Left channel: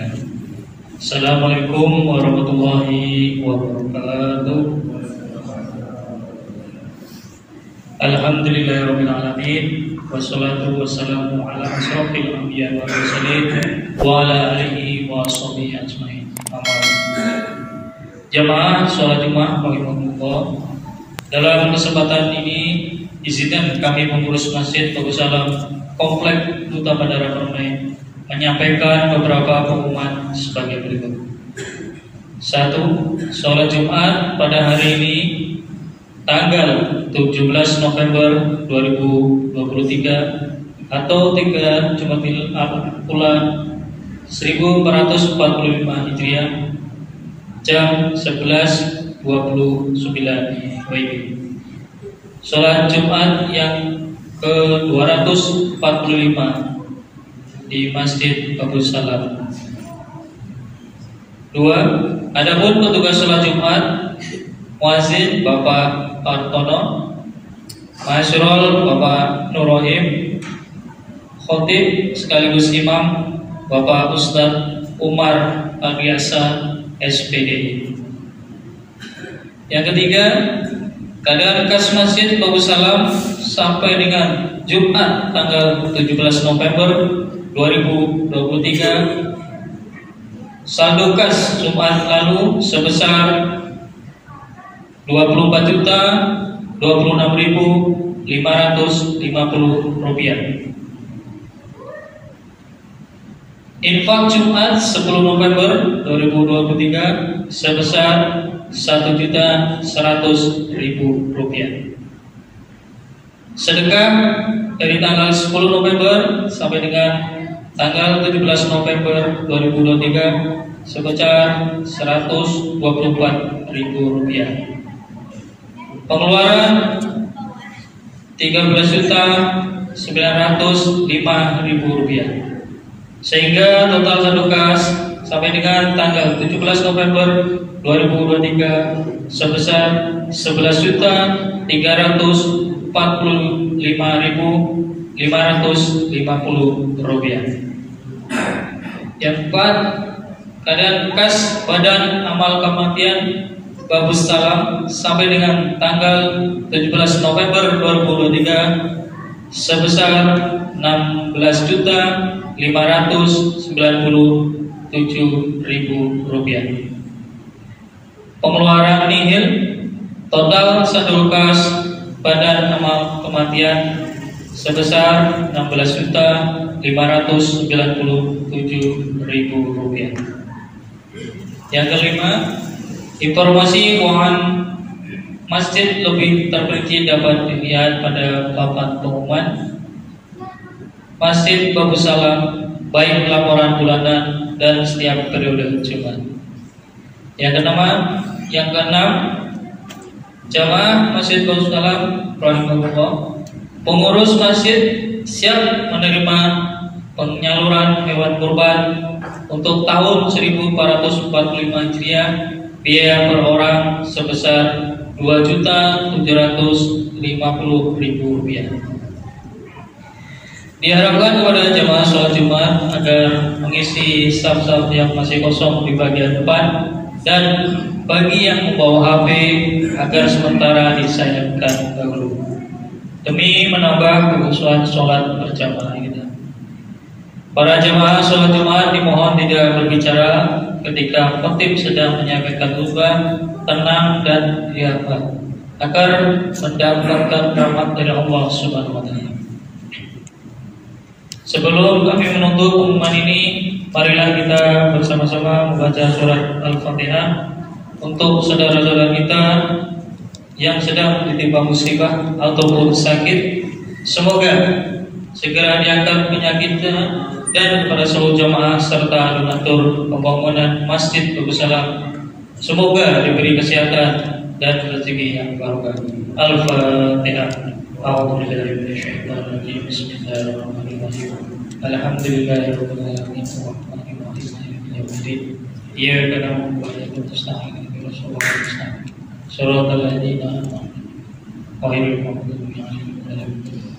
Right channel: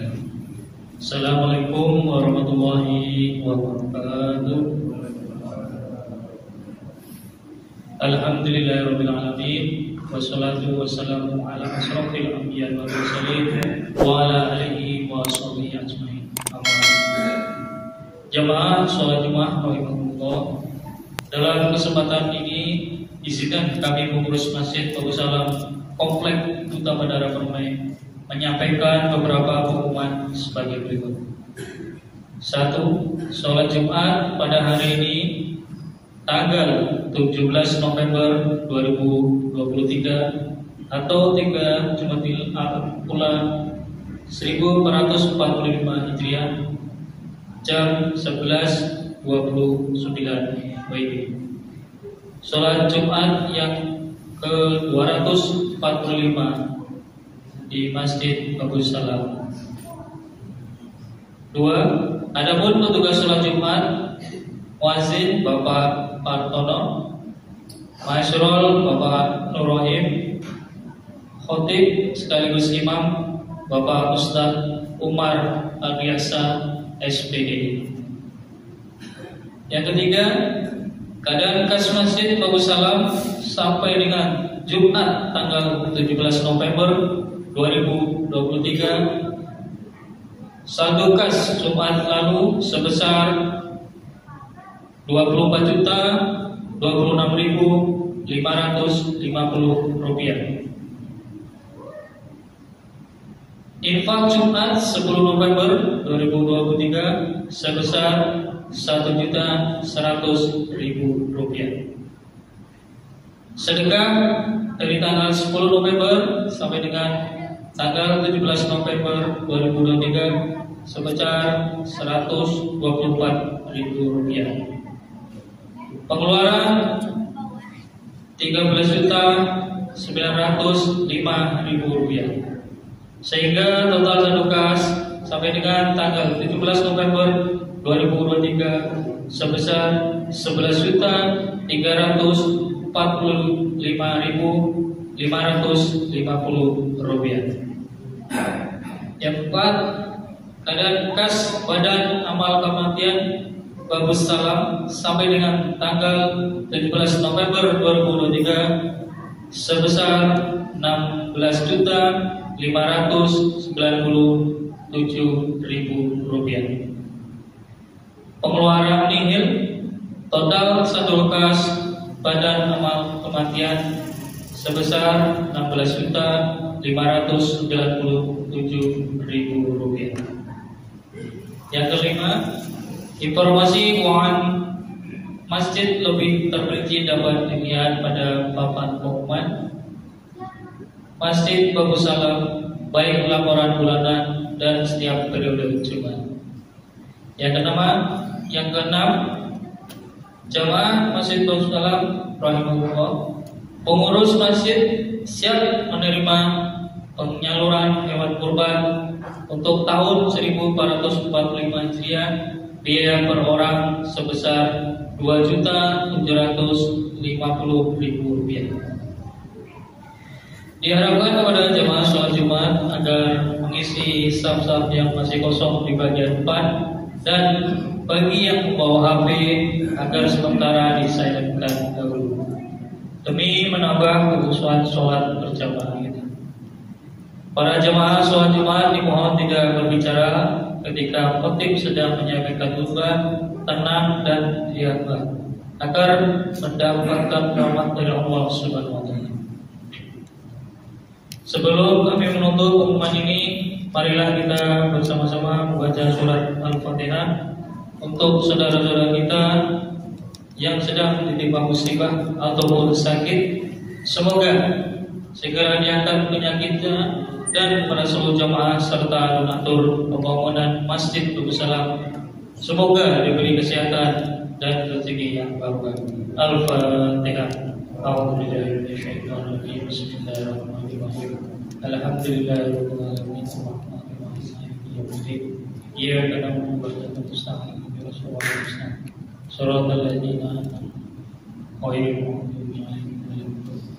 Bismillah. Assalamualaikum warahmatullahi wabarakatuh. Alhamdulillahirabbil alamin wassalatu wassalamu ala asyrofil anbiya wal mursalin wa ala alihi wa sahbihi ajmain. Jamaah sholat Jumat rahimakumullah. Dalam kesempatan ini izinkan kami pengurus Masjid Bagus Salam Komplek Duta Bandara Permai menyampaikan beberapa pengumuman sebagai berikut. 1. Sholat Jumat pada hari ini tanggal 17 November 2023 atau 3 Jumadil Ula 1445 Hijriah jam 11.29 WIB. Sholat Jumat yang ke-245 di Masjid Bagus Salam. 2. Adapun petugas sholat Jumat, muadzin Bapak Partono, Masyrol Bapak Nurrohim, khotib sekaligus imam Bapak Ustadz Umar Agiasa SPD. Yang ketiga, keadaan kas Masjid Bagus Salam sampai dengan Jumat tanggal 17 November 2023, saldo kas Jumat lalu sebesar 24.026.550 rupiah. Infak Jumat 10 November 2023 sebesar 1.100.000 rupiah. Sedekah dari tanggal 10 November sampai dengan tanggal 17 November 2023 sebesar 124.000 rupiah. Pengeluaran 13.905.000 rupiah. Sehingga total saldo kas sampai dengan tanggal 17 November 2023 sebesar 11.345.550 rupiah. Yang keempat, keadaan kas Badan Amal Kematian Bagus Salam sampai dengan tanggal 17 November 2023 sebesar 16.597.000 rupiah. Pengeluaran nihil, total saldo kas Badan Amal Kematian sebesar 16.597.000 rupiah. Yang kelima, informasi keuangan masjid lebih terperinci dapat dilihat pada papan pengumuman Masjid Bagus Salam, baik laporan bulanan dan setiap periode Jumat. Yang keenam, jamaah Masjid Bagus Salam rahimahullah, pengurus masjid siap menerima penyaluran hewan kurban untuk tahun 1445 Hijriah, biaya per orang sebesar 2.750.000 rupiah. Diharapkan kepada jemaah sholat Jumat agar mengisi saf-saf yang masih kosong di bagian depan, dan bagi yang membawa HP agar sementara disayangkan dahulu demi menambah kekhusyuan sholat berjamaah kita. Para jemaah sholat Jumat dimohon tidak berbicara ketika khatib sedang menyampaikan khutbah, tenang dan riang agar mendapatkan rahmat dari Allah Subhanahu wa taala. Sebelum kami menutup pengumuman ini, marilah kita bersama-sama membaca surat Al-Fatihah untuk saudara-saudara kita yang sedang ditimpa musibah ataupun sakit. Semoga segera diangkat penyakitnya, dan pada seluruh jamaah serta donatur pembangunan Masjid Bagus Salam semoga diberi kesehatan dan rezeki yang barokah. Al-Fatihah. A'udzubillahi minasyaitonir rajim. Bismillahirrahmanirrahim. Alhamdulillahirabbil alamin arrahmanir rahim maliki yaumiddin. Iyyaka na'budu wa iyyaka nasta'in ihdinas siratal mustaqim siratal ladzina an'amta 'alaihim ghairil maghdubi 'alaihim waladdallin.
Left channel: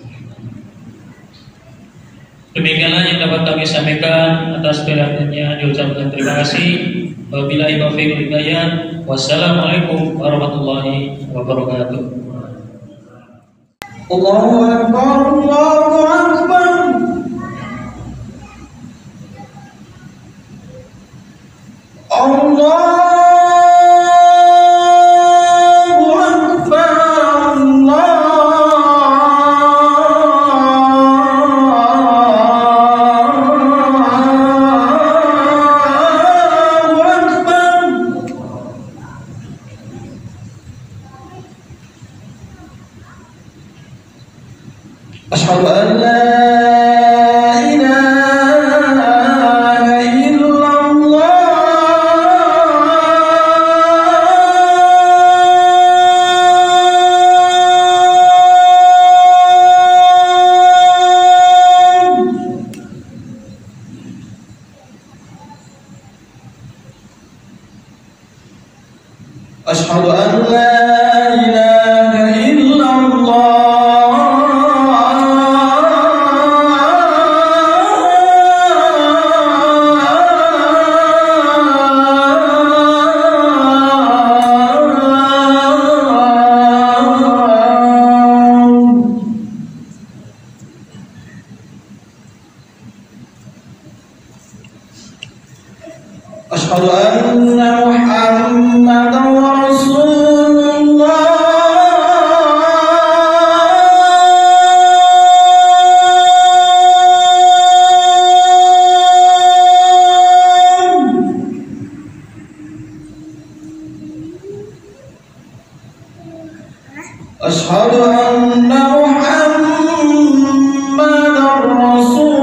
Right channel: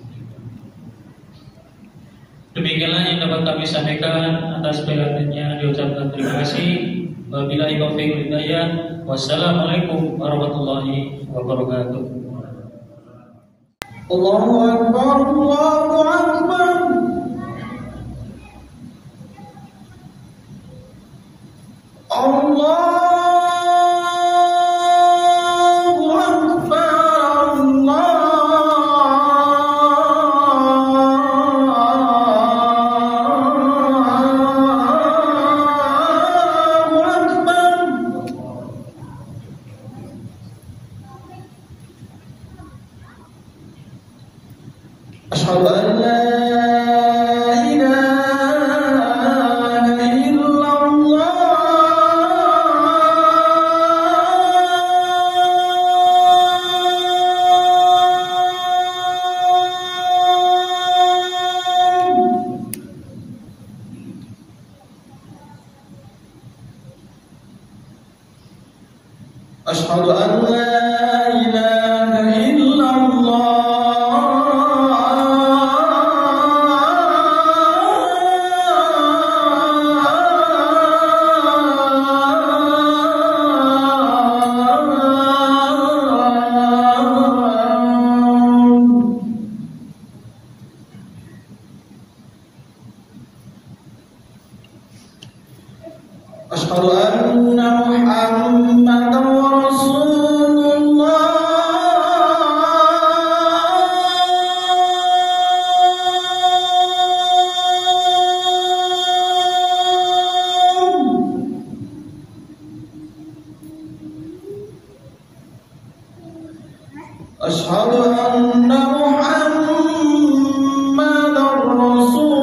Demikianlah yang dapat kami sampaikan. Atas perhatiannya diucapkan terima kasih. Wabillahi taufiq wal hidayah. Wassalamualaikum warahmatullahi wabarakatuh. Allahu Akbar, Allahu Akbar. Allah أشهد أن لا إله إلا الله أشهد أن لا أشهد أن محمدا رسول الله أشهد أن محمدا رسول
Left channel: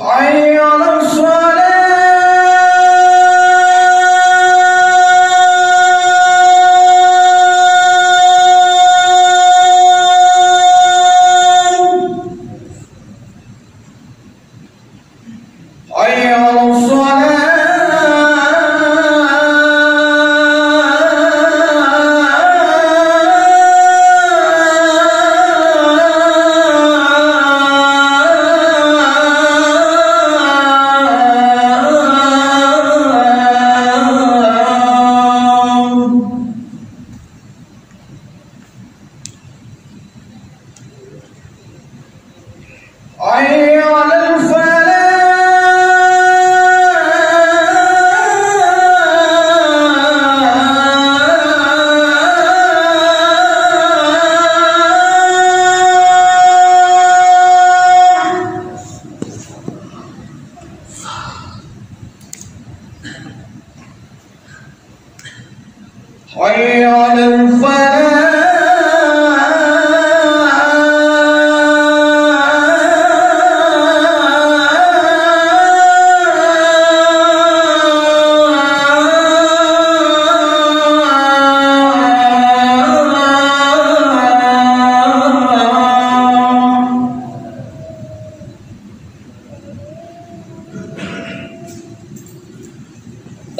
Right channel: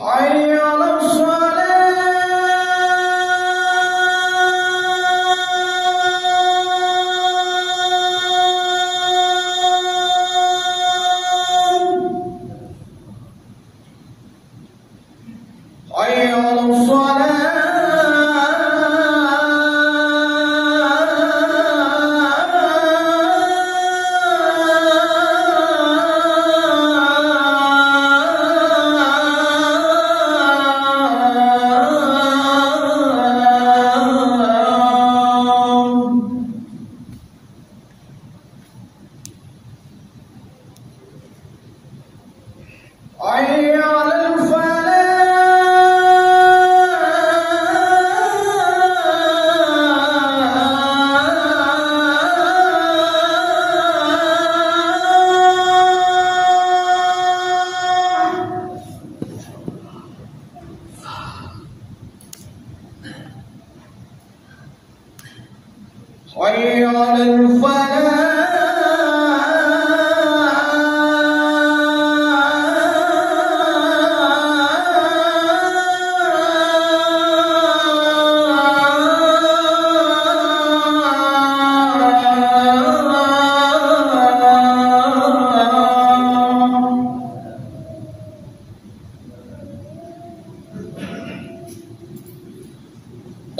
حي على حي على الفلاح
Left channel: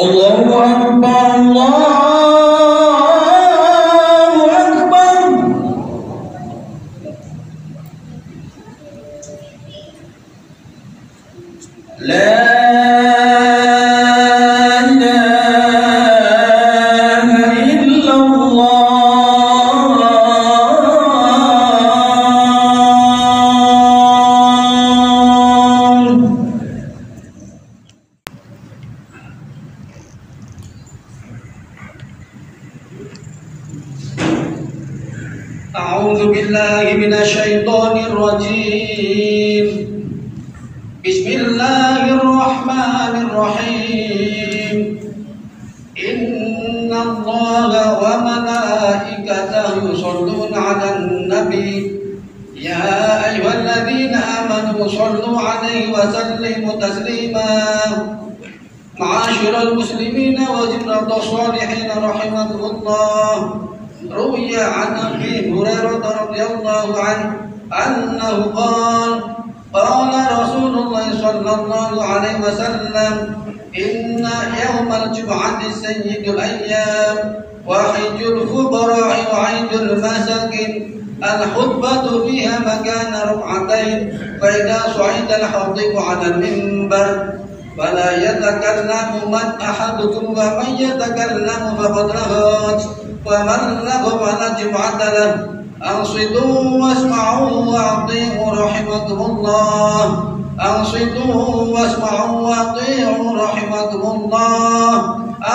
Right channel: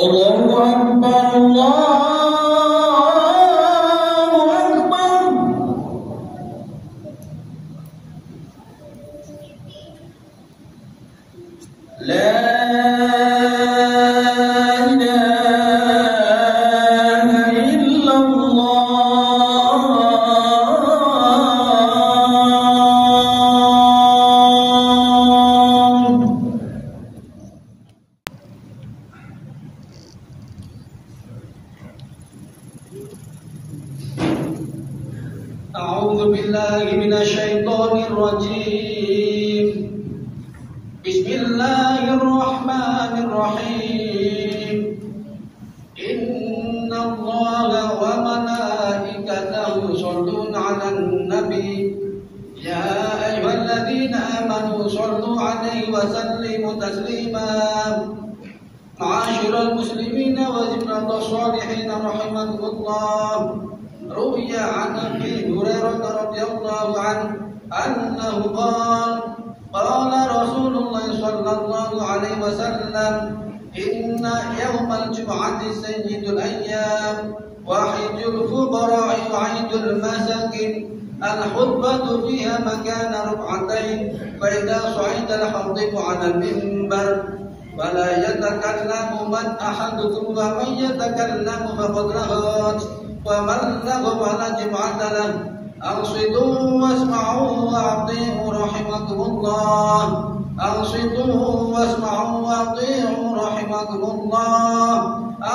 الله أكبر الله أكبر لا إله إلا الله أعوذ بالله من الشيطان الرجيم بسم الله الرحمن الرحيم إن الله وملائكته يصلون على النبي يا أيها الذين آمنوا صلوا عليه وسلموا تسليما معاشر المسلمين وجنة الصالحين رحمكم الله روي عن أبي هريرة رضي رضي الله عنه أنه قال رسول الله صلى الله عليه وسلم إن يوم الجمعة سيد الأيام وحج الفقراء وعيد المساكين الخطبة فيها مكان ركعتين فإذا صعد الخطيب على المنبر فلا يتكلم من أحدكم ومن يتكلم فقد رهات ومن لغو فلا جمعة له أنصتوا واسمعوا وأطيعوا رحمكم الله أنصتوا واسمعوا وأطيعوا رحمكم الله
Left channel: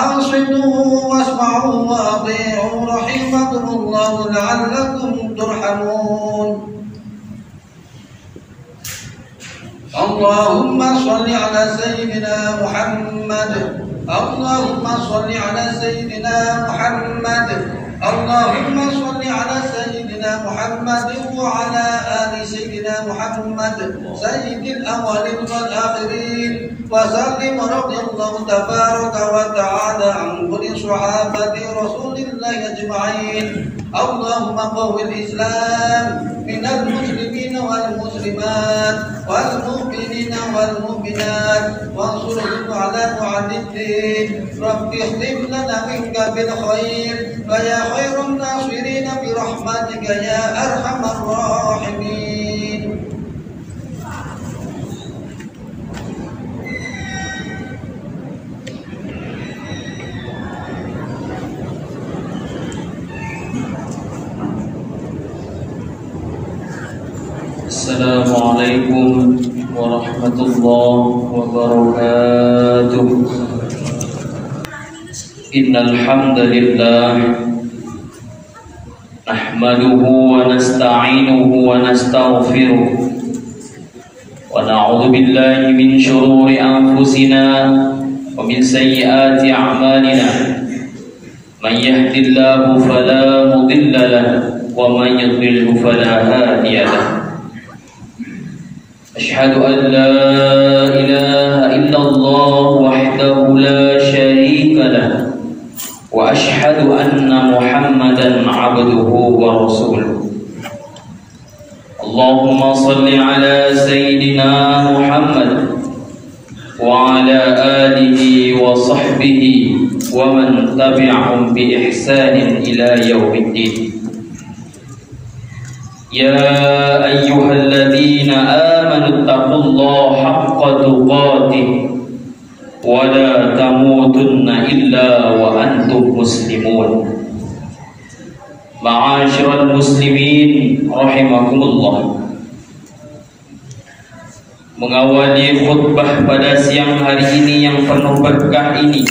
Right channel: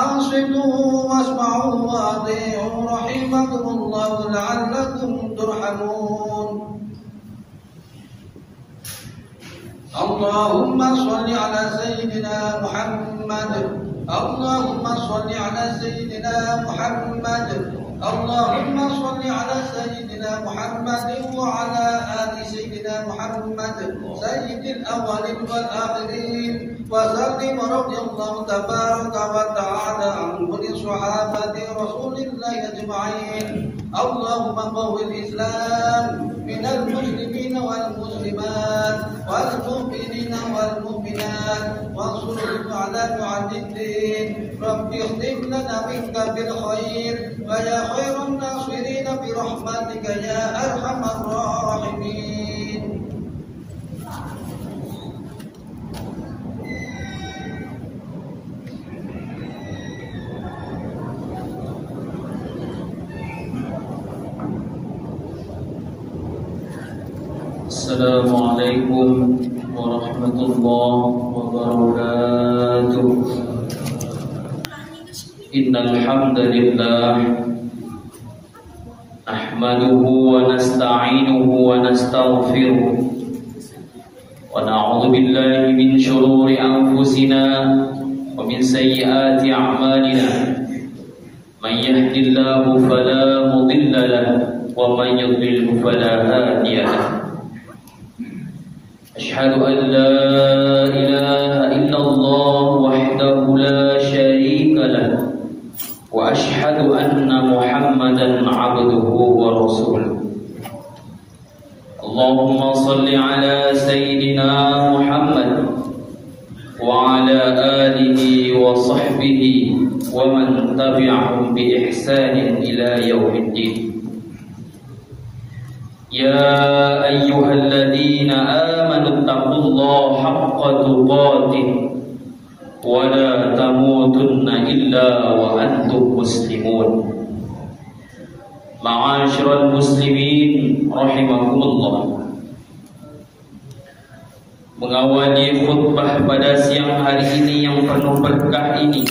أنصتوا واسمعوا وأطيعوا رحمكم الله لعلكم ترحمون اللهم صل على سيدنا محمد اللهم صل على سيدنا محمد اللهم صل على سيدنا محمد وعلى آل سيدنا محمد سيد الأولين والآخرين وسلم رضي الله تبارك وتعالى عن كل صحابة رسول الله أجمعين اللهم قو الإسلام من المسلمين والمسلمات والمؤمنين والمؤمنات وانصرهم على معد الدين رب اختم لنا منك بالخير فيا خير الناصرين برحمتك يا أرحم الراحمين. Assalamualaikum warahmatullahi wabarakatuh. Innal hamdalillah nahmaduhu wa nasta'inuhu wa nastaghfiruh wa na'udzu billahi min shururi anfusina wa min sayyiati a'malina. Man yahdihillahu fala mudilla lahu wa man yudlilhu fala hadiya lahu. أشهد أن لا إله إلا الله وحده لا شريك له وأشهد أن محمدا عبده ورسوله. اللهم صل على سيدنا محمد وعلى آله وصحبه ومن تبعهم بإحسان إلى يوم الدين. يا أيها الذين آمنوا اتقوا الله حق تقاته ولا تموتن إلا وأنتم مسلمون. معاشر المسلمين رحمكم الله. Mengawali khutbah pada siang hari ini yang penuh berkah ini,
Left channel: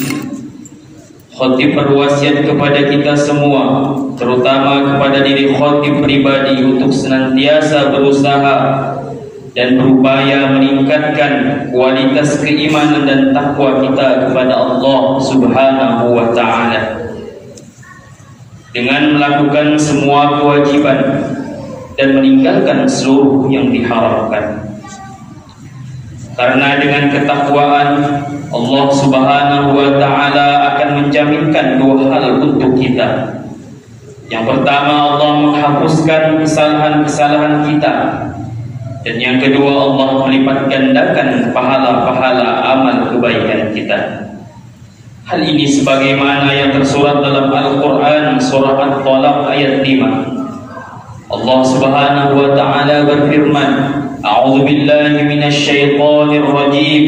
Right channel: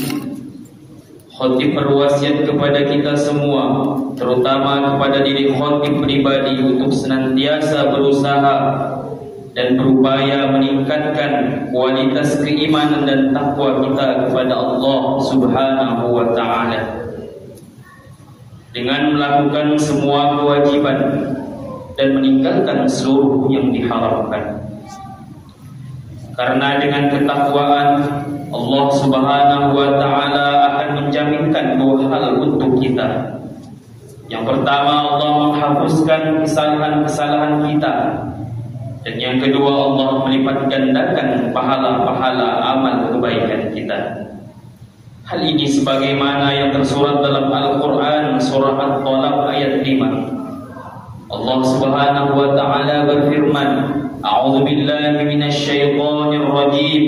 khatib berwasiat kepada kita semua, terutama kepada diri khatib pribadi, untuk senantiasa berusaha dan berupaya meningkatkan kualitas keimanan dan takwa kita kepada Allah Subhanahu wa ta'ala dengan melakukan semua kewajiban dan meninggalkan seluruh yang diharamkan. Karena dengan ketakwaan Allah Subhanahu wa ta'ala akan menjaminkan dua hal untuk kita. Yang pertama, Allah menghapuskan kesalahan-kesalahan kita, dan yang kedua, Allah melipat gandakan pahala-pahala amal kebaikan kita. Hal ini sebagaimana yang tersurat dalam Al-Quran surah At-Talaq ayat 5. Allah Subhanahu wa ta'ala berfirman, A'udzu billahi minasy syaithanir rajim.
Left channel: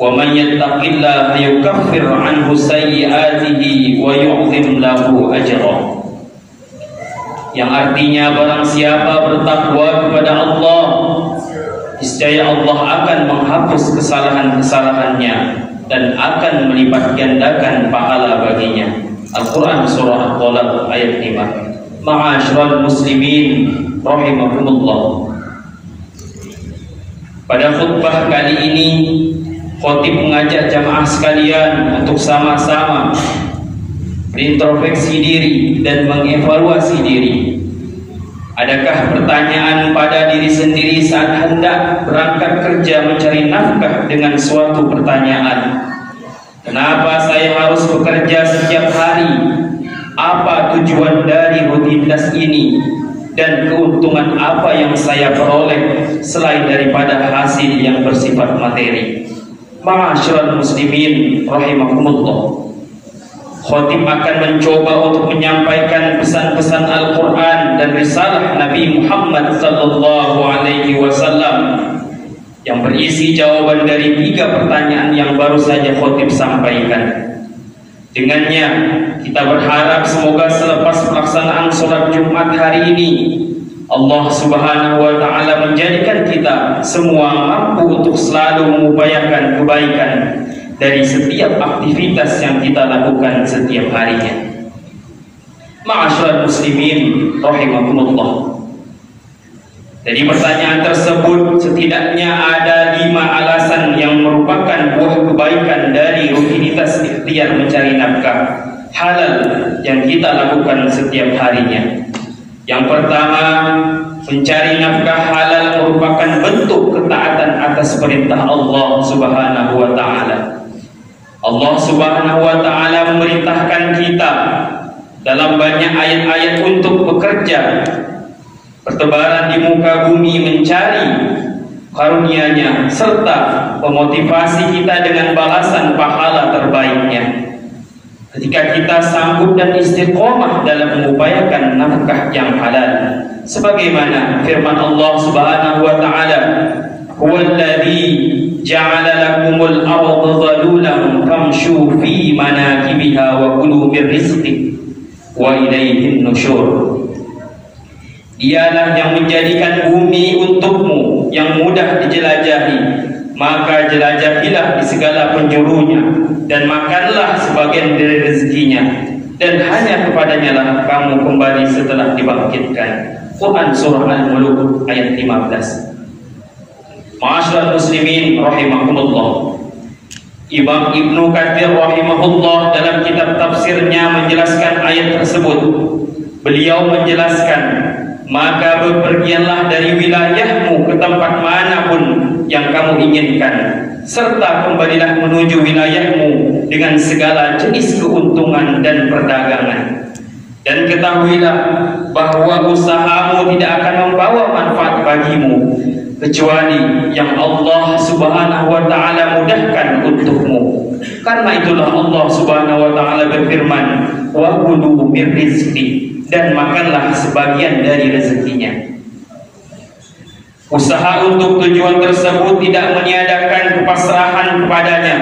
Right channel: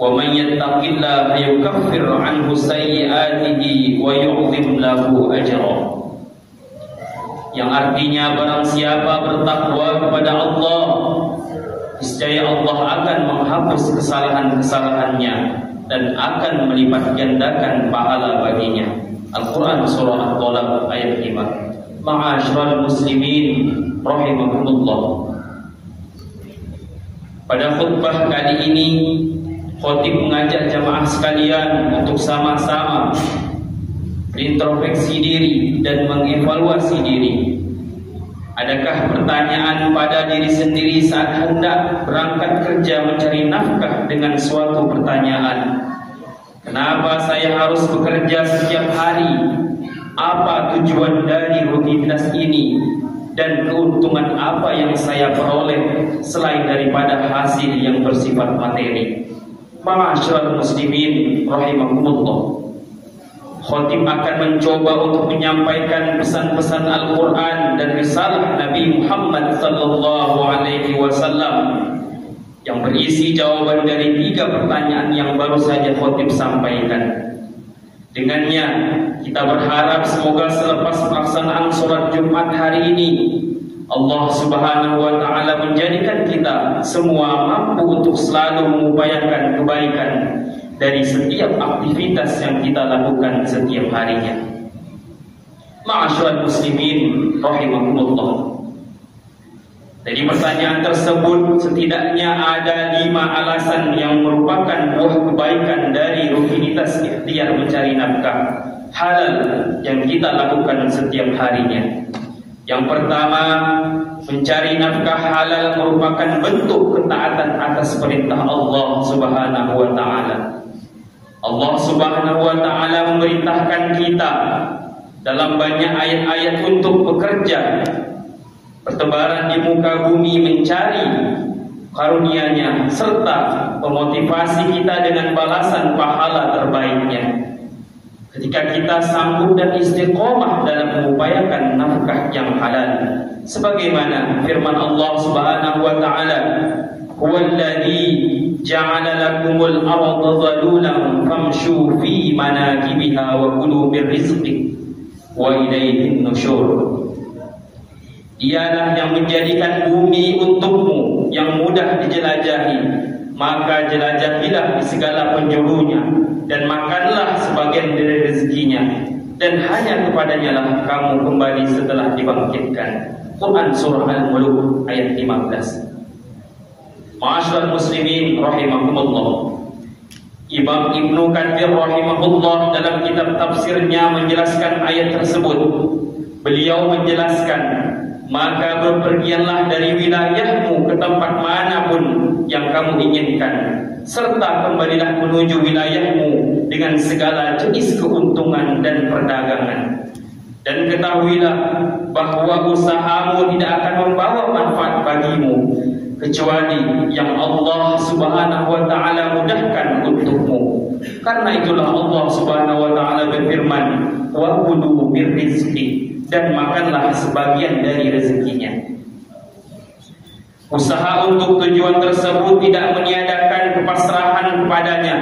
Wa man yattaqillaha yukaffir 'anhu sayyi'atihi wa yu'zim lahu ajra. Yang artinya, barang siapa bertakwa kepada Allah, niscaya Allah akan menghapus kesalahan-kesalahannya dan akan melipat gandakan pahala baginya. Al-Quran surah At-Talaq ayat 5. Ma'asyiral muslimin rahimakumullah. Pada khutbah kali ini, khatib mengajak jamaah sekalian untuk sama-sama berintrospeksi diri dan mengevaluasi diri. Adakah pertanyaan pada diri sendiri saat hendak berangkat kerja mencari nafkah dengan suatu pertanyaan? Kenapa saya harus bekerja setiap hari? Apa tujuan dari rutinitas ini? dan keuntungan apa yang saya peroleh selain daripada hasil yang bersifat materi. Ma'asyiral muslimin rahimakumullah. Khatib akan mencoba untuk menyampaikan pesan-pesan Al-Quran dan risalah Nabi Muhammad sallallahu alaihi wasallam yang berisi jawaban dari 3 pertanyaan yang baru saja khatib sampaikan. Dengannya kita berharap semoga selepas pelaksanaan sholat Jumat hari ini Allah Subhanahu wa ta'ala menjadikan kita semua mampu untuk selalu mengupayakan kebaikan dari setiap aktivitas yang kita lakukan setiap harinya. Ma'asyiral muslimin rahimakumullah. Dari pertanyaan tersebut setidaknya ada 5 alasan yang merupakan buah kebaikan dari rutinitas ikhtiar mencari nafkah halal yang kita lakukan setiap harinya. Yang pertama, mencari nafkah halal merupakan bentuk ketaatan atas perintah Allah Subhanahu wa ta'ala. Allah Subhanahu wa ta'ala memerintahkan kita dalam banyak ayat-ayat untuk bekerja, bertebaran di muka bumi mencari karunia-Nya serta memotivasi kita dengan balasan pahala terbaiknya. Ketika kita sanggup dan istiqomah dalam mengupayakan nafkah yang halal, sebagaimana firman Allah Subhanahu wa ta'ala, "Huwallazi ja'ala lakumul arda dhalulan famshu fi manakibiha wa kulu min rizqihi wa ilaihin nusyur." Dialah yang menjadikan bumi untukmu yang mudah dijelajahi, maka jelajahilah di segala penjurunya dan makanlah sebagian dari rezekinya, dan hanya kepadanya lah kamu kembali setelah dibangkitkan. Quran Surah Al-Mulk ayat 15. Ma'asyiral muslimin rahimakumullah. Imam Ibnu Katsir rahimahullah dalam kitab tafsirnya menjelaskan ayat tersebut. Beliau menjelaskan, maka bepergianlah dari wilayahmu ke tempat manapun yang kamu inginkan, serta kembalilah menuju wilayahmu dengan segala jenis keuntungan dan perdagangan. Dan ketahuilah bahwa usahamu tidak akan membawa manfaat bagimu kecuali yang Allah Subhanahu wa ta'ala mudahkan untukmu. Karena itulah Allah Subhanahu wa ta'ala berfirman, "Wa kulu min rizqi," dan makanlah sebagian dari rezekinya. Usaha untuk tujuan tersebut tidak meniadakan kepasrahan kepadanya,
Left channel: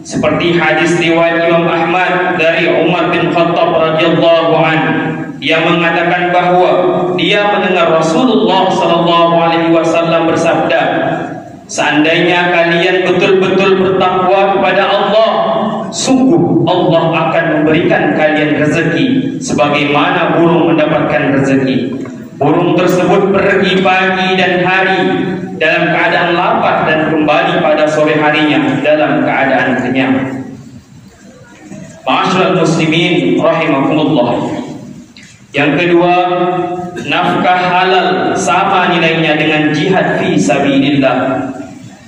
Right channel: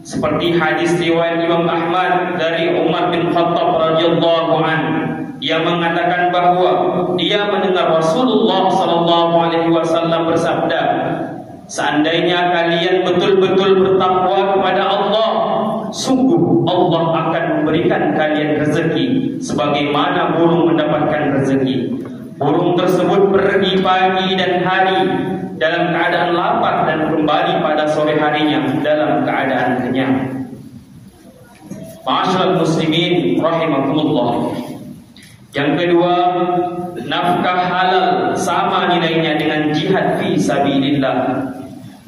seperti hadis riwayat Imam Ahmad dari Umar bin Khattab radhiyallahu anhu. Dia mengatakan bahwa dia mendengar Rasulullah sallallahu alaihi wasallam bersabda, "Seandainya kalian betul-betul bertakwa kepada Allah, sungguh Allah akan memberikan kalian rezeki sebagaimana burung mendapatkan rezeki. Burung tersebut pergi pagi dan hari dalam keadaan lapar dan kembali pada sore harinya dalam keadaan kenyang." Ma'asyiral muslimin rahimakumullah. Yang kedua, nafkah halal sama nilainya dengan jihad fi sabilillah.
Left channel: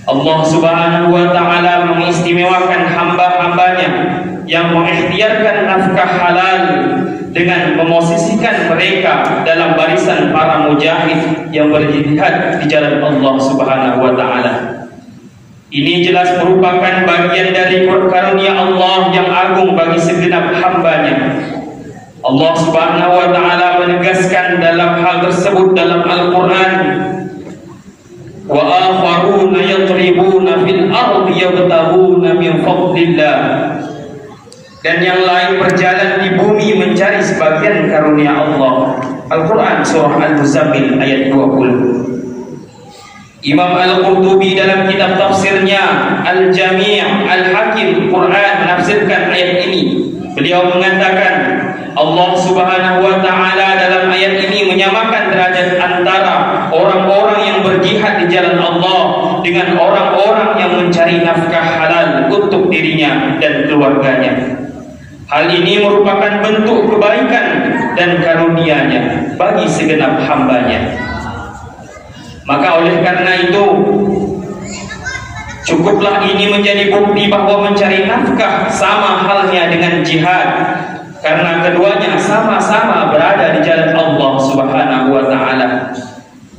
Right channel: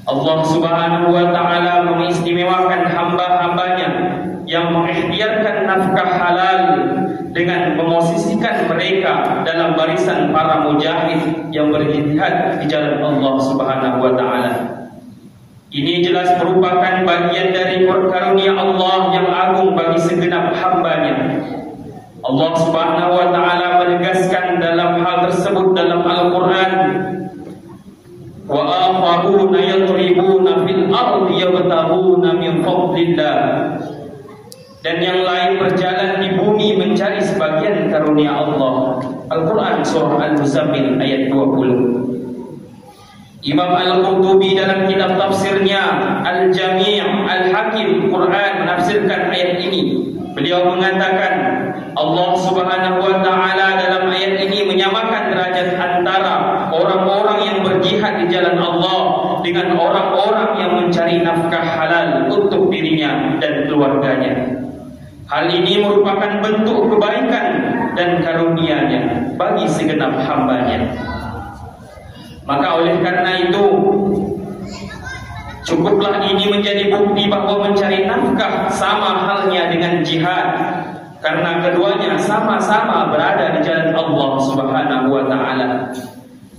Allah Subhanahu wa ta'ala mengistimewakan hamba-hambanya yang mengikhtiarkan nafkah halal dengan memosisikan mereka dalam barisan para mujahid yang berjihad di jalan Allah Subhanahu wa ta'ala. Ini jelas merupakan bagian dari karunia Allah yang agung bagi segenap hambanya. Allah Subhanahu wa ta'ala menegaskan dalam hal tersebut dalam Al-Quran, "Wa akharuna yatribuna fil ardi yabtaghuna min fadlillah." Dan yang lain berjalan di bumi mencari sebagian karunia Allah. Al-Quran Surah Al-Muzammil ayat 20. Imam Al-Qurtubi dalam kitab tafsirnya Al-Jami' Al-Hakim Quran menafsirkan ayat ini. Beliau mengatakan, Allah Subhanahu wa ta'ala dalam ayat ini menyamakan derajat antara orang-orang yang berjihad di jalan Allah dengan orang-orang yang mencari nafkah halal untuk dirinya dan keluarganya. Hal ini merupakan bentuk kebaikan dan karunia-Nya bagi segenap hambanya. Maka oleh karena itu, cukuplah ini menjadi bukti bahwa mencari nafkah sama halnya dengan jihad. karena keduanya sama-sama berada di jalan Allah Subhanahu wa taala.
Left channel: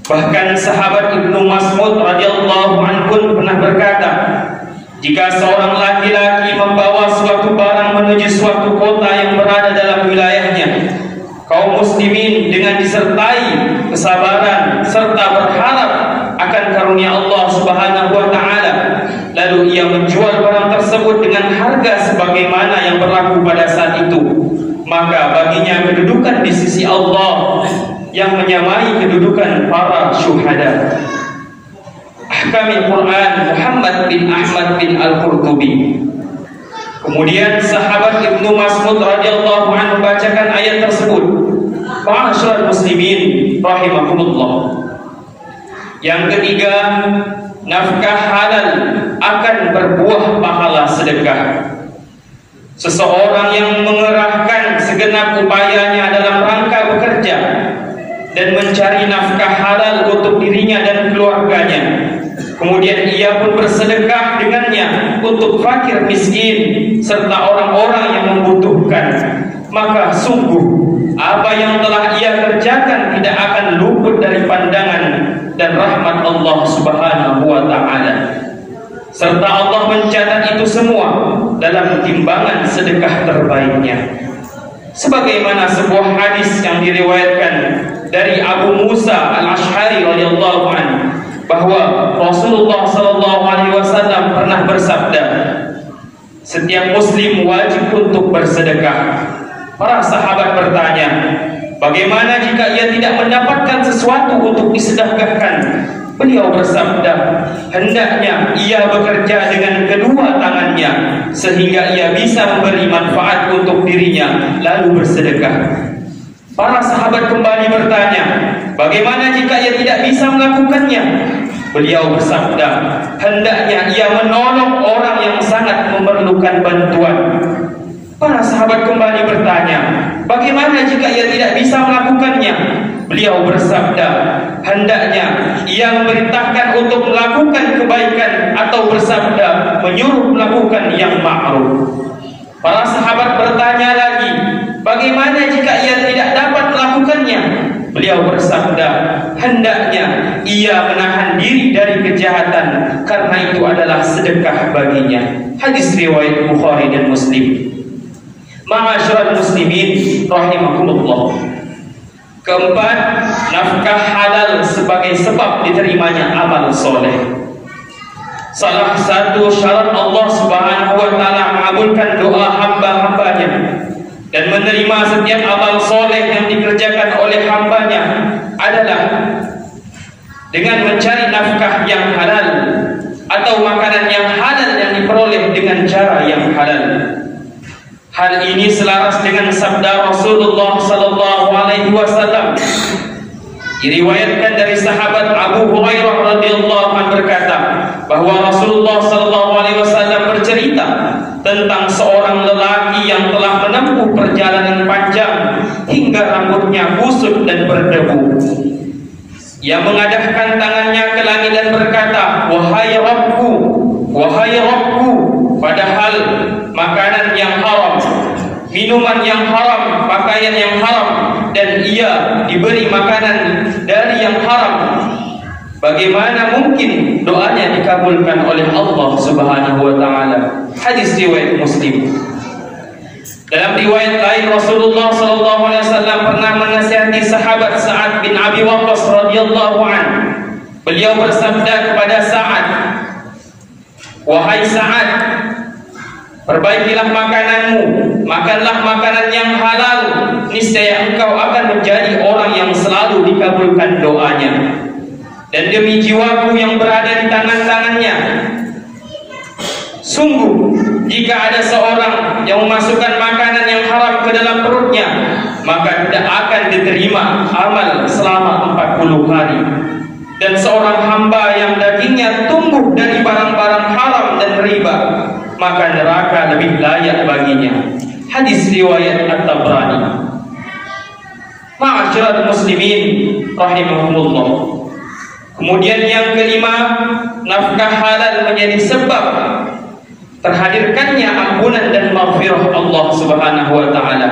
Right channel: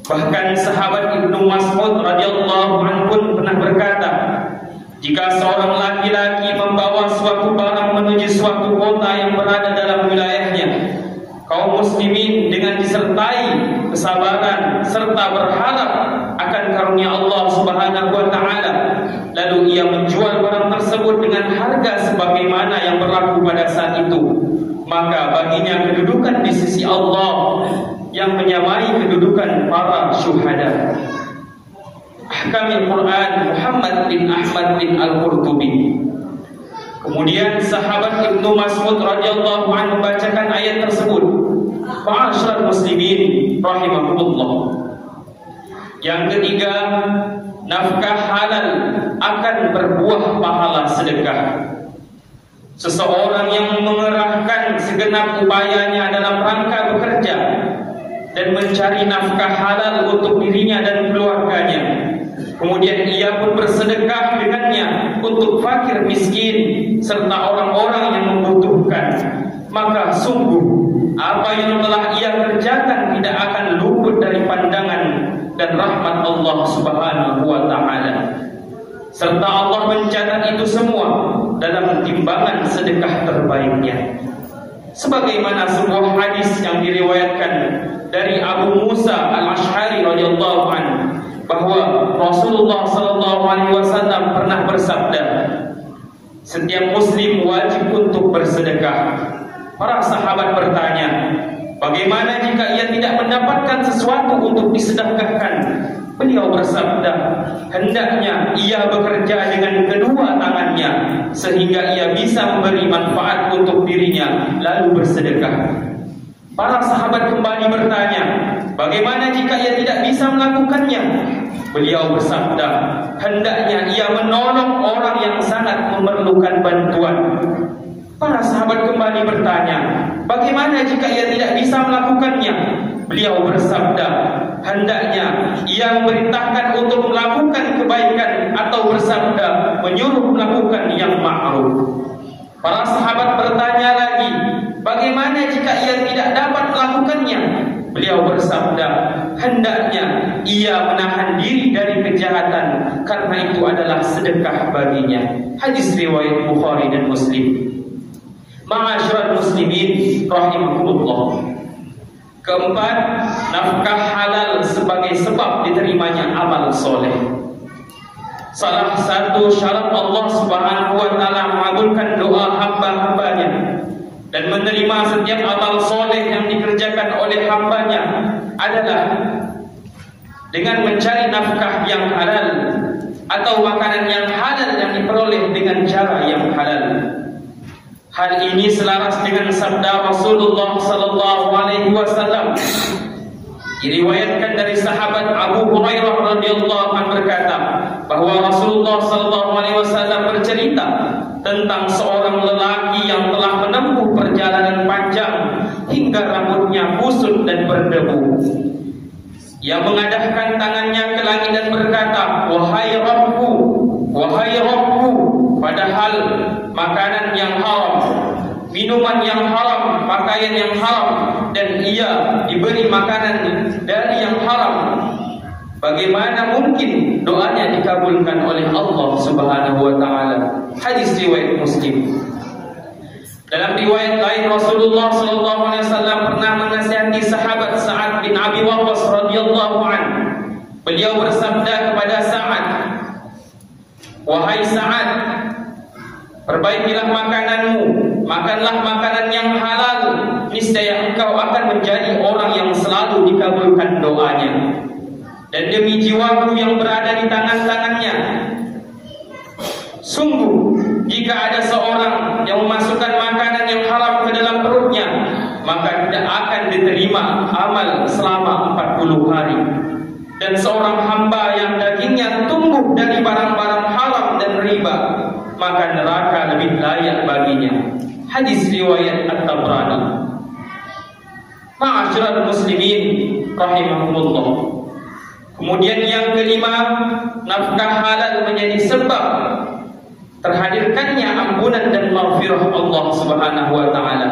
Bahkan sahabat Ibnu Mas'ud radhiyallahu anhu pernah berkata, jika seorang laki-laki membawa suatu barang menuju suatu kota yang berada dalam wilayahnya, kaum muslimin dengan disertai kesabaran serta berharap akan karunia Allah Subhanahu wa taala, lalu ia menjual barang tersebut dengan harga sebagaimana yang berlaku pada saat itu, maka baginya kedudukan di sisi Allah yang menyamai kedudukan para syuhada. Ahkamil Quran Muhammad bin Ahmad bin Al-Qurtubi. Kemudian sahabat Ibnu Mas'ud radhiyallahu anhu bacakan ayat tersebut. Ma'asyiral muslimin rahimakumullah. Yang ketiga, nafkah halal akan berbuah pahala sedekah. Seseorang yang mengerahkan segenap upayanya dalam rangka bekerja dan mencari nafkah halal untuk dirinya dan keluarganya, kemudian ia pun bersedekah dengannya untuk fakir miskin serta orang-orang yang membutuhkan, maka sungguh apa yang telah ia kerjakan tidak akan luput dari pandangan dan rahmat Allah Subhanahu wa taala. Serta Allah mencatat itu semua dalam timbangan sedekah terbaiknya. Sebagaimana sebuah hadis yang diriwayatkan dari Abu Musa Al-Asy'ari radhiyallahu anhu, bahwa Rasulullah sallallahu alaihi wasallam pernah bersabda, setiap muslim wajib untuk bersedekah. Para sahabat bertanya, bagaimana jika ia tidak mendapatkan sesuatu untuk disedekahkan? Beliau bersabda, hendaknya ia bekerja dengan kedua tangannya sehingga ia bisa memberi manfaat untuk dirinya lalu bersedekah. Para sahabat kembali bertanya, bagaimana jika ia tidak bisa melakukannya? Beliau bersabda, hendaknya ia menolong orang yang sangat memerlukan bantuan. Para sahabat kembali bertanya, bagaimana jika ia tidak bisa melakukannya? Beliau bersabda, hendaknya ia memerintahkan untuk melakukan kebaikan atau bersabda menyuruh melakukan yang ma'ruf. Para sahabat bertanya lagi, bagaimana jika ia tidak dapat melakukannya? Beliau bersabda, hendaknya ia menahan diri dari kejahatan karena itu adalah sedekah baginya. Hadis riwayat Bukhari dan Muslim. Ma'asyiral muslimin rahimakumullah. Keempat, nafkah halal sebagai sebab diterimanya amal soleh. Salah satu syarat Allah Subhanahu wa taala mengabulkan doa hamba-hambanya dan menerima setiap amal soleh yang dikerjakan oleh hambanya adalah dengan mencari nafkah yang halal atau makanan yang halal yang diperoleh dengan cara yang halal. Hal ini selaras dengan sabda Rasulullah sallallahu alaihi wasallam. Diriwayatkan dari sahabat Abu Hurairah radhiyallahu anhu berkata bahwa Rasulullah sallallahu alaihi wasallam bercerita tentang seorang lelaki yang telah menempuh perjalanan panjang hingga rambutnya kusut dan berdebu. Ia mengadahkan tangannya ke langit dan berkata, wahai Rabbku, padahal makanan yang haram, minuman yang haram, pakaian yang haram, dan ia diberi makanan dari yang haram. Bagaimana mungkin doanya dikabulkan oleh Allah Subhanahu wa taala? Hadis riwayat Muslim. Dalam riwayat lain Rasulullah sallallahu alaihi wasallam pernah menasihati sahabat Sa'ad bin Abi Waqqas radhiyallahu anhu. Beliau bersabda kepada Sa'ad, wahai Sa'ad, perbaikilah makananmu, makanlah makanan yang halal, niscaya engkau akan menjadi orang yang selalu dikabulkan doanya. Dan demi jiwaku yang berada di tangan-tangannya, sungguh jika ada seorang yang memasukkan makanan yang haram ke dalam perutnya, maka tidak akan diterima amal selama 40 hari. Dan seorang hamba yang dagingnya tumbuh dari barang-barang haram dan riba, maka neraka lebih layak baginya. Hadis riwayat At-Tabrani. Ma'asyiral muslimin rahimahumullah. Kemudian yang kelima, nafkah halal menjadi sebab terhadirkannya ampunan dan maghfirah Allah Subhanahu wa taala.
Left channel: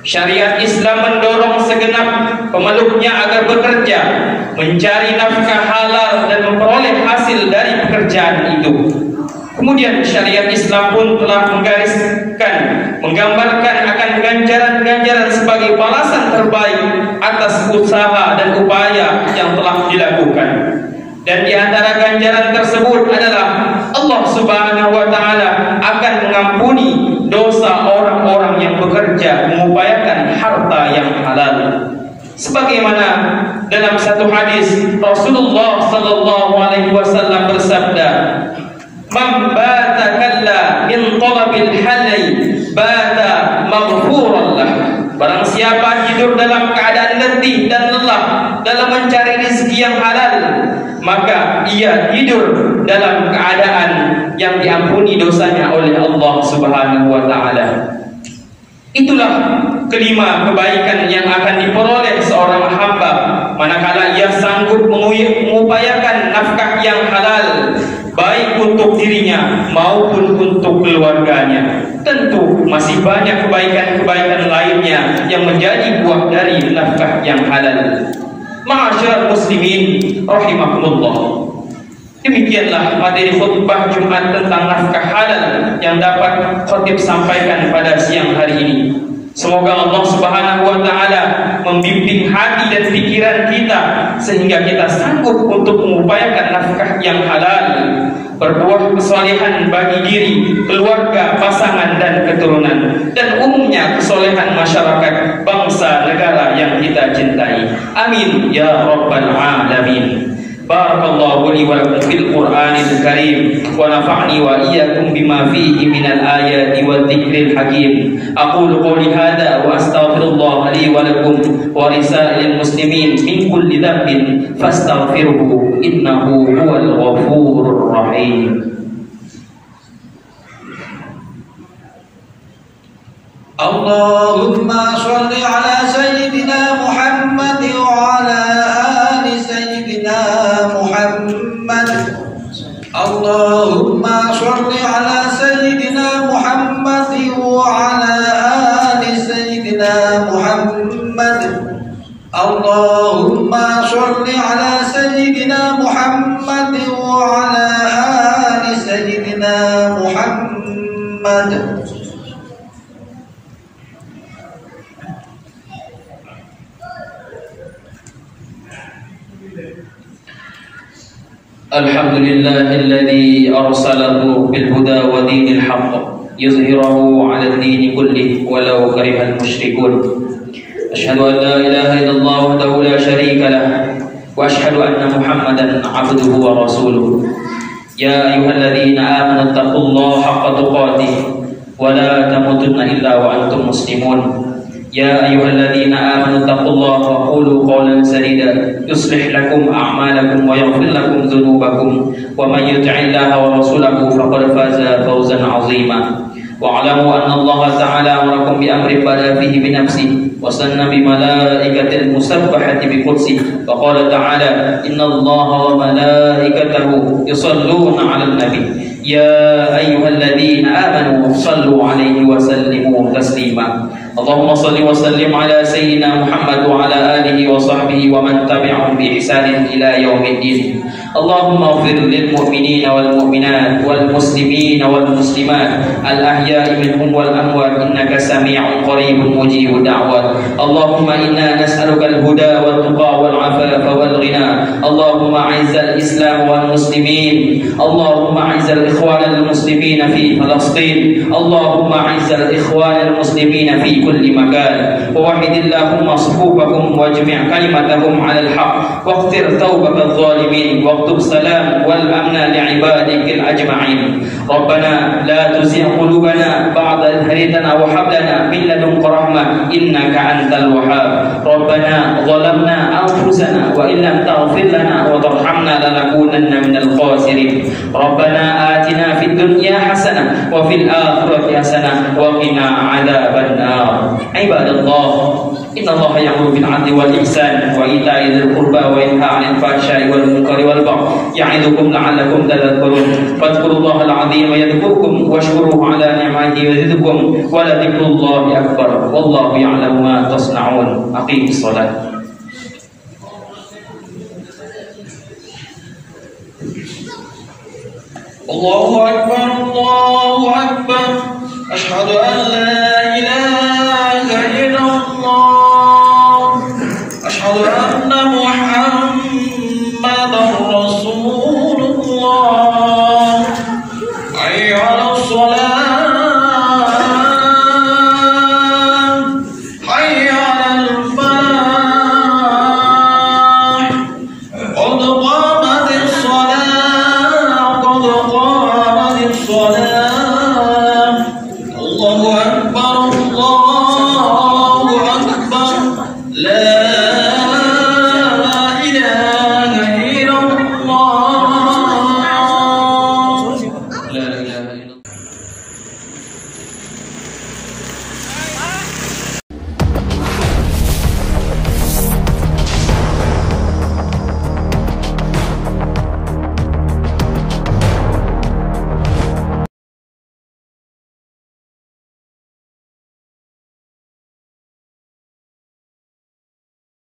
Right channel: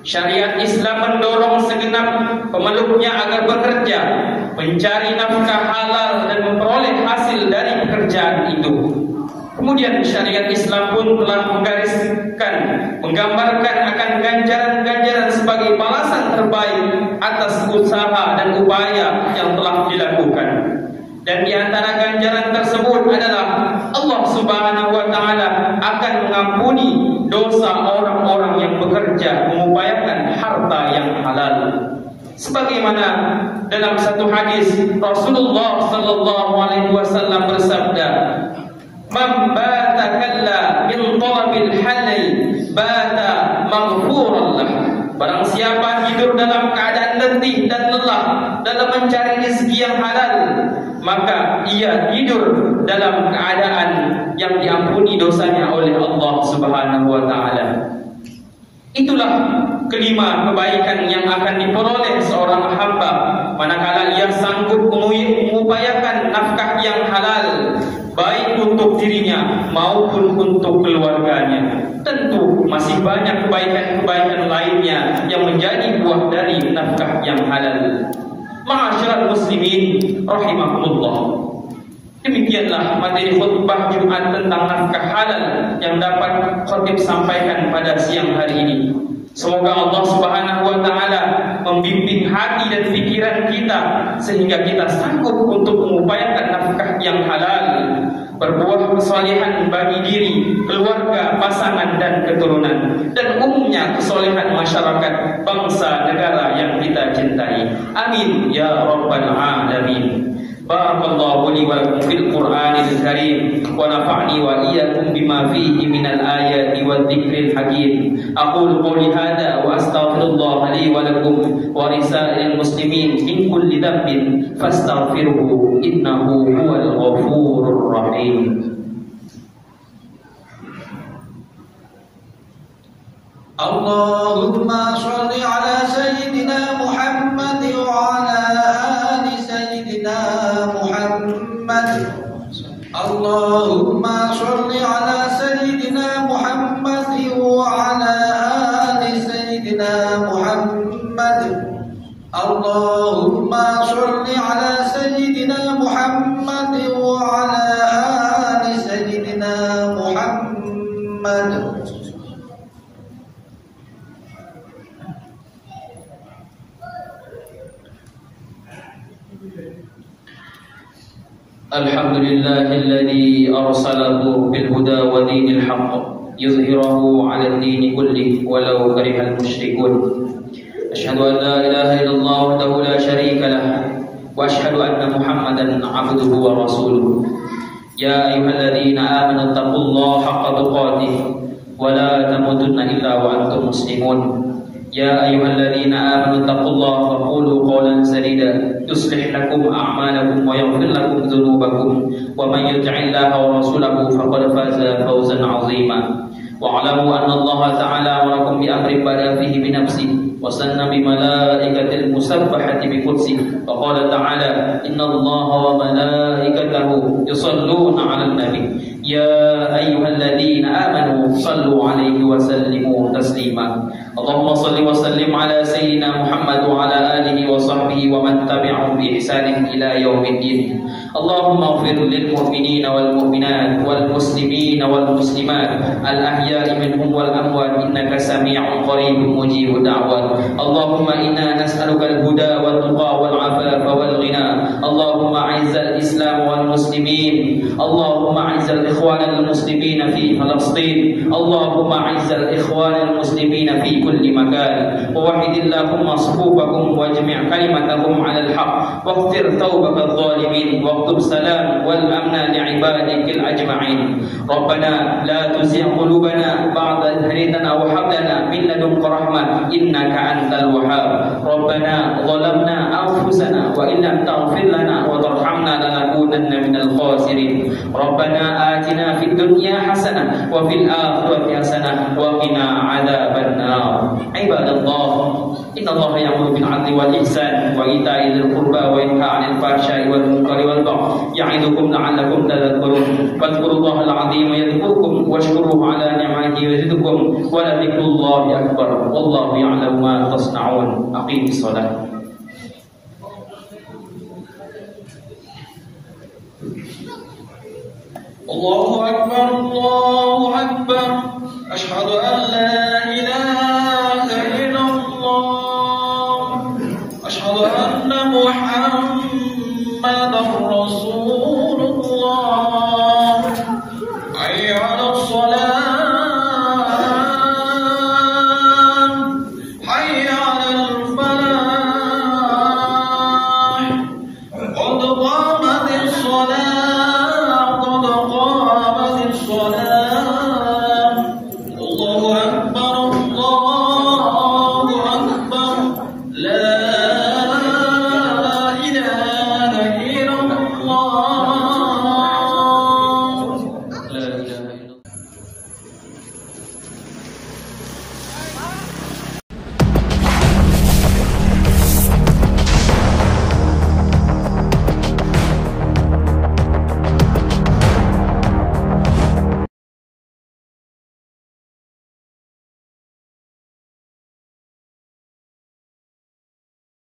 Syariat Islam mendorong segenap pemeluknya agar bekerja, mencari nafkah halal dan memperoleh hasil dari pekerjaan itu. Kemudian syariat Islam pun telah menggambarkan akan ganjaran-ganjaran sebagai balasan terbaik atas usaha dan upaya yang telah dilakukan. Dan di antara ganjaran tersebut adalah Allah Subhanahu wa taala akan mengampuni dosa orang-orang yang bekerja mengupayakan harta yang halal. Sebagaimana dalam satu hadis Rasulullah sallallahu alaihi wasallam bersabda, "Man bata kalla min talabil halal bata maghfuran lah." Barang siapa hidup dalam keadaan letih dan lelah dalam mencari rezeki yang halal, maka ia tidur dalam keadaan yang diampuni dosanya oleh Allah Subhanahu wa taala. Itulah kelima kebaikan yang akan diperoleh seorang hamba manakala ia sanggup mengupayakan nafkah yang halal, baik untuk dirinya maupun untuk keluarganya. Tentu masih banyak kebaikan-kebaikan lainnya yang menjadi buah dari nafkah yang halal. Ma'asyiral muslimin rahimakumullah. Demikianlah materi khutbah Jumat tentang nafkah halal yang dapat khatib sampaikan pada siang hari ini. Semoga Allah Subhanahu wa taala membimbing hati dan pikiran kita sehingga kita sanggup untuk mengupayakan nafkah yang halal, berbuah kesolehan bagi diri, keluarga, pasangan dan keturunan, dan umumnya kesolehan masyarakat, bangsa, negara yang kita cintai. Amin ya rabbal alamin. Barakallahu li wa lakum fil Qur'anil Karim wa nafa'ni wa iyyakum bima fihi minal ayati wad dzikril hakim. Aqulu qouli hadza wa astaghfirullah li wa lakum wa lisa'il muslimin min kulli dhanbin fastaghfiruhu innahu huwal ghafurur rahim. Allahumma shalli ala sayyidina Muhammad wa ala ali sayyidina Muhammad. Allahumma shalli ala sayyidina Muhammad wa ala ali sayyidina Muhammad. Allahumma shalli ala sayyidina Muhammad wa ala ali sayyidina Muhammad. الحمد لله الذي أرسله بالهدى ودين الحق يظهره على الدين كله ولو كره المشركون. أشهد أن لا إله إلا الله وحده لا شريك له وأشهد أن محمدا عبده ورسوله. يا أيها الذين آمنوا اتقوا الله حق تقاته ولا تموتن إلا وأنتم مسلمون. يا أيها الذين آمنوا اتقوا الله وقولوا قولا سديدا يصلح لكم أعمالكم ويغفر لكم ذنوبكم ومن يطع الله ورسوله فقد فاز فوزا عظيما. واعلموا أن الله تعالى أمركم بأمر بدأ فيه بنفسه وسن بملائكة المسبحة بقدسه فقال تعالى إن الله وملائكته يصلون على النبي يا أيها الذين آمنوا صلوا عليه وسلموا تسليما. اللهم صل وسلم على سيدنا محمد وعلى آله وصحبه ومن تبعهم بإحسان إلى يوم الدين. اللهم اغفر للمؤمنين والمؤمنات والمسلمين والمسلمات الأحياء منهم والأموات إنك سميع قريب مجيب الدعوات. اللهم إنا نسألك الهدى والتقى والعفاف والغنى. اللهم أعز الإسلام والمسلمين. اللهم أعز الإخوان المسلمين في فلسطين. اللهم أعز الإخوان المسلمين في كل مكان. ووحد اللهم صفوفهم واجمع كلمتهم على الحق واغفر توبة الظالمين واكتب السلام والأمن لعبادك الأجمعين. ربنا لا تزغ قلوبنا بعد إذ هديتنا وهب لنا من لدنك رحمة إنك أنت الوهاب. ربنا ظلمنا أنفسنا وإن لم تغفر لنا وترحمنا لنكونن من الخاسرين. ربنا آتنا في الدنيا حسنة وفي الآخرة حسنة وقنا عذاب النار. عباد الله Innallaha ya'muru bil 'adli wal ihsan wa ita'i dzil qurba wa yanha 'anil fahsya'i wal munkari wal baghi ya'idukum la'allakum tadhakkarun. Fadhkurullaha al-'azima yadhkurkum washkuruhu 'ala ni'matihi yazidkum wa la dzikrullahi akbar. Wallahu ya'lamu ma tasna'un. Aqimus shalah. Allahu akbar, Allahu akbar. Asyhadu an la ilaha illallah. Asyhadu anna Muhammad